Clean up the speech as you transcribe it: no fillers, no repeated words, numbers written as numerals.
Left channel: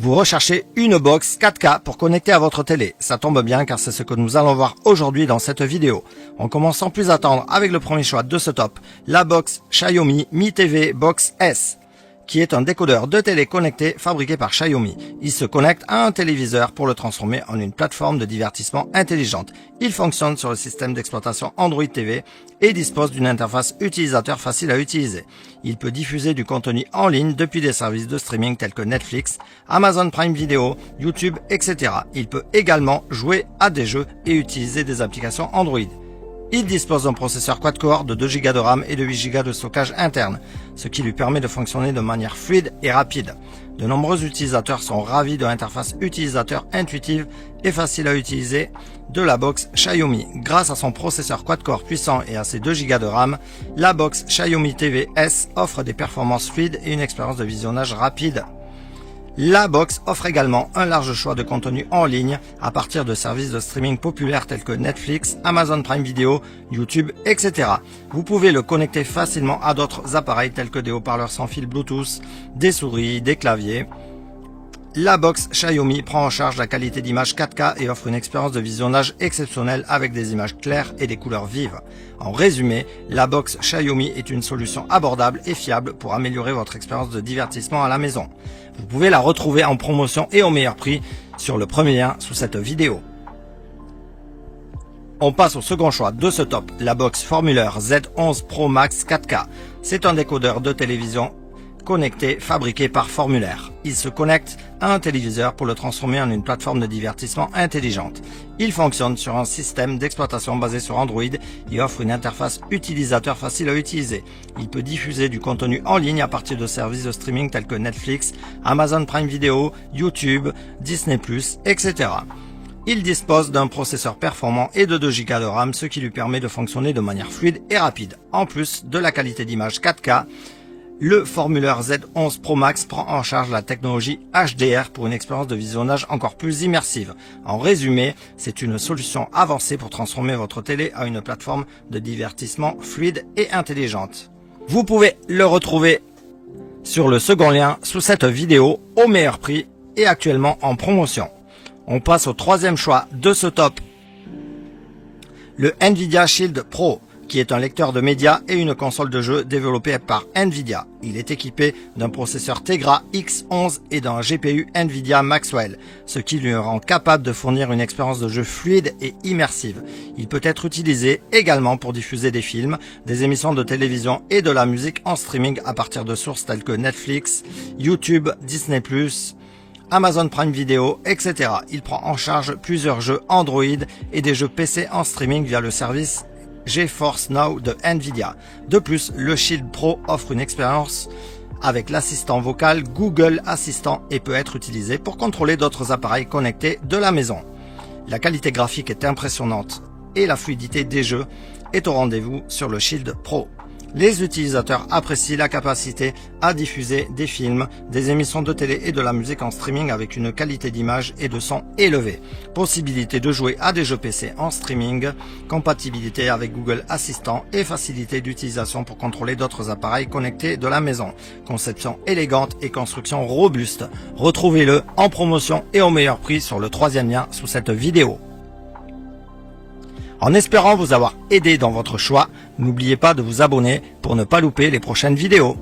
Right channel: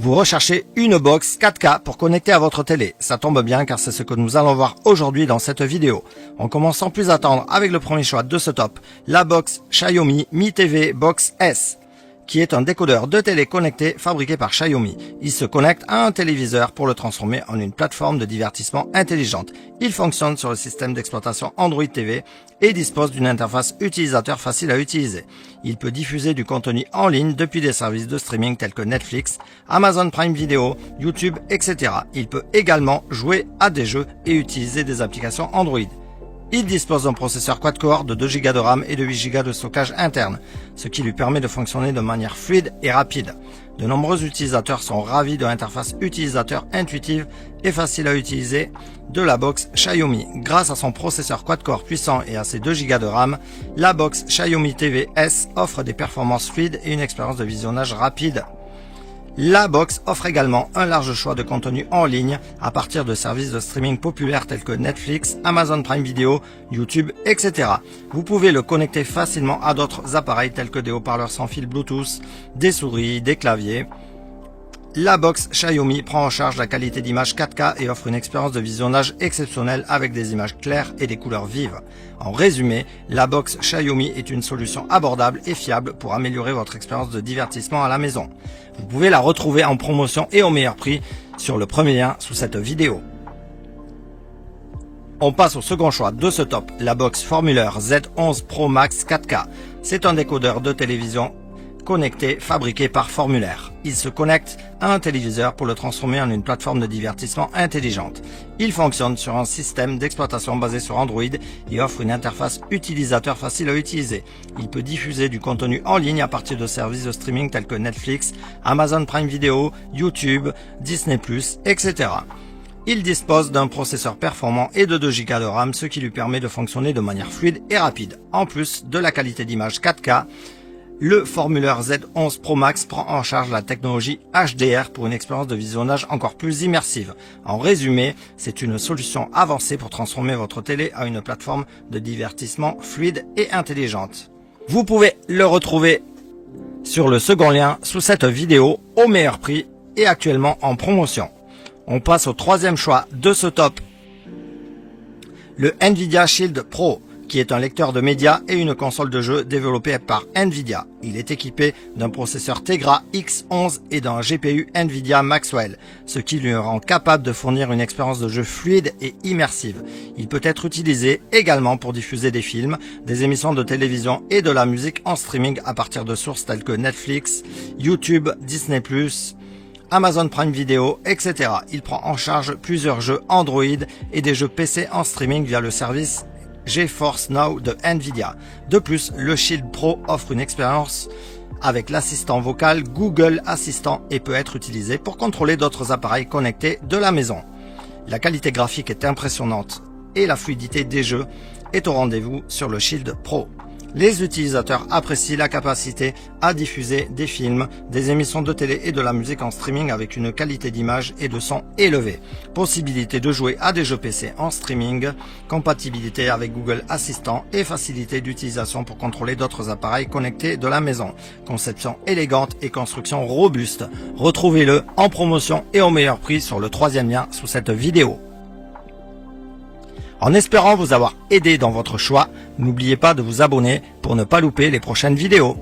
Vous recherchez une box 4K pour connecter à votre télé. Ça tombe bien car c'est ce que nous allons voir aujourd'hui dans cette vidéo. On commence sans plus attendre avec le premier choix de ce top, la box Xiaomi Mi TV Box S, qui est un décodeur de télé connecté fabriqué par Xiaomi. Il se connecte à un téléviseur pour le transformer en une plateforme de divertissement intelligente. Il fonctionne sur le système d'exploitation Android TV et dispose d'une interface utilisateur facile à utiliser. Il peut diffuser du contenu en ligne depuis des services de streaming tels que Netflix, Amazon Prime Video, YouTube, etc. Il peut également jouer à des jeux et utiliser des applications Android. Il dispose d'un processeur quad-core de 2 Go de RAM et de 8 Go de stockage interne, ce qui lui permet de fonctionner de manière fluide et rapide. De nombreux utilisateurs sont ravis de l'interface utilisateur intuitive et facile à utiliser de la box Xiaomi. Grâce à son processeur quad-core puissant et à ses 2 Go de RAM, la box Xiaomi TV S offre des performances fluides et une expérience de visionnage rapide. La box offre également un large choix de contenu en ligne à partir de services de streaming populaires tels que Netflix, Amazon Prime Video, YouTube, etc. Vous pouvez le connecter facilement à d'autres appareils tels que des haut-parleurs sans fil Bluetooth, des souris, des claviers. La box Xiaomi prend en charge la qualité d'image 4K et offre une expérience de visionnage exceptionnelle avec des images claires et des couleurs vives. En résumé, la box Xiaomi est une solution abordable et fiable pour améliorer votre expérience de divertissement à la maison. Vous pouvez la retrouver en promotion et au meilleur prix sur le premier lien sous cette vidéo. On passe au second choix de ce top, la box Formulaire Z11 Pro Max 4K. C'est un décodeur de télévision connecté fabriqué par Formulaire. Il se connecte à un téléviseur pour le transformer en une plateforme de divertissement intelligente. Il fonctionne sur un système d'exploitation basé sur Android et offre une interface utilisateur facile à utiliser. Il peut diffuser du contenu en ligne à partir de services de streaming tels que Netflix, Amazon Prime Video, YouTube, Disney+, etc. Il dispose d'un processeur performant et de 2 Go de RAM, ce qui lui permet de fonctionner de manière fluide et rapide. En plus de la qualité d'image 4K, le Formulaire Z11 Pro Max prend en charge la technologie HDR pour une expérience de visionnage encore plus immersive. En résumé, c'est une solution avancée pour transformer votre télé à une plateforme de divertissement fluide et intelligente. Vous pouvez le retrouver sur le second lien sous cette vidéo au meilleur prix et actuellement en promotion. On passe au troisième choix de ce top, le Nvidia Shield Pro, qui est un lecteur de médias et une console de jeu développée par Nvidia. Il est équipé d'un processeur Tegra X11 et d'un GPU Nvidia Maxwell, ce qui lui rend capable de fournir une expérience de jeu fluide et immersive. Il peut être utilisé également pour diffuser des films, des émissions de télévision et de la musique en streaming à partir de sources telles que Netflix, YouTube, Disney+, Amazon Prime Video, etc. Il prend en charge plusieurs jeux Android et des jeux PC en streaming via le service GeForce Now de Nvidia. De plus, le Shield Pro offre une expérience avec l'assistant vocal Google Assistant et peut être utilisé pour contrôler d'autres appareils connectés de la maison. La qualité graphique est impressionnante et la fluidité des jeux est au rendez-vous sur le Shield Pro. Les utilisateurs apprécient la capacité à diffuser des films, des émissions de télé et de la musique en streaming avec une qualité d'image et de son élevée. Possibilité de jouer à des jeux PC en streaming, compatibilité avec Google Assistant et facilité d'utilisation pour contrôler d'autres appareils connectés de la maison. Conception élégante et construction robuste. Retrouvez-le en promotion et au meilleur prix sur le troisième lien sous cette vidéo. En espérant vous avoir aidé dans votre choix, n'oubliez pas de vous abonner pour ne pas louper les prochaines vidéos.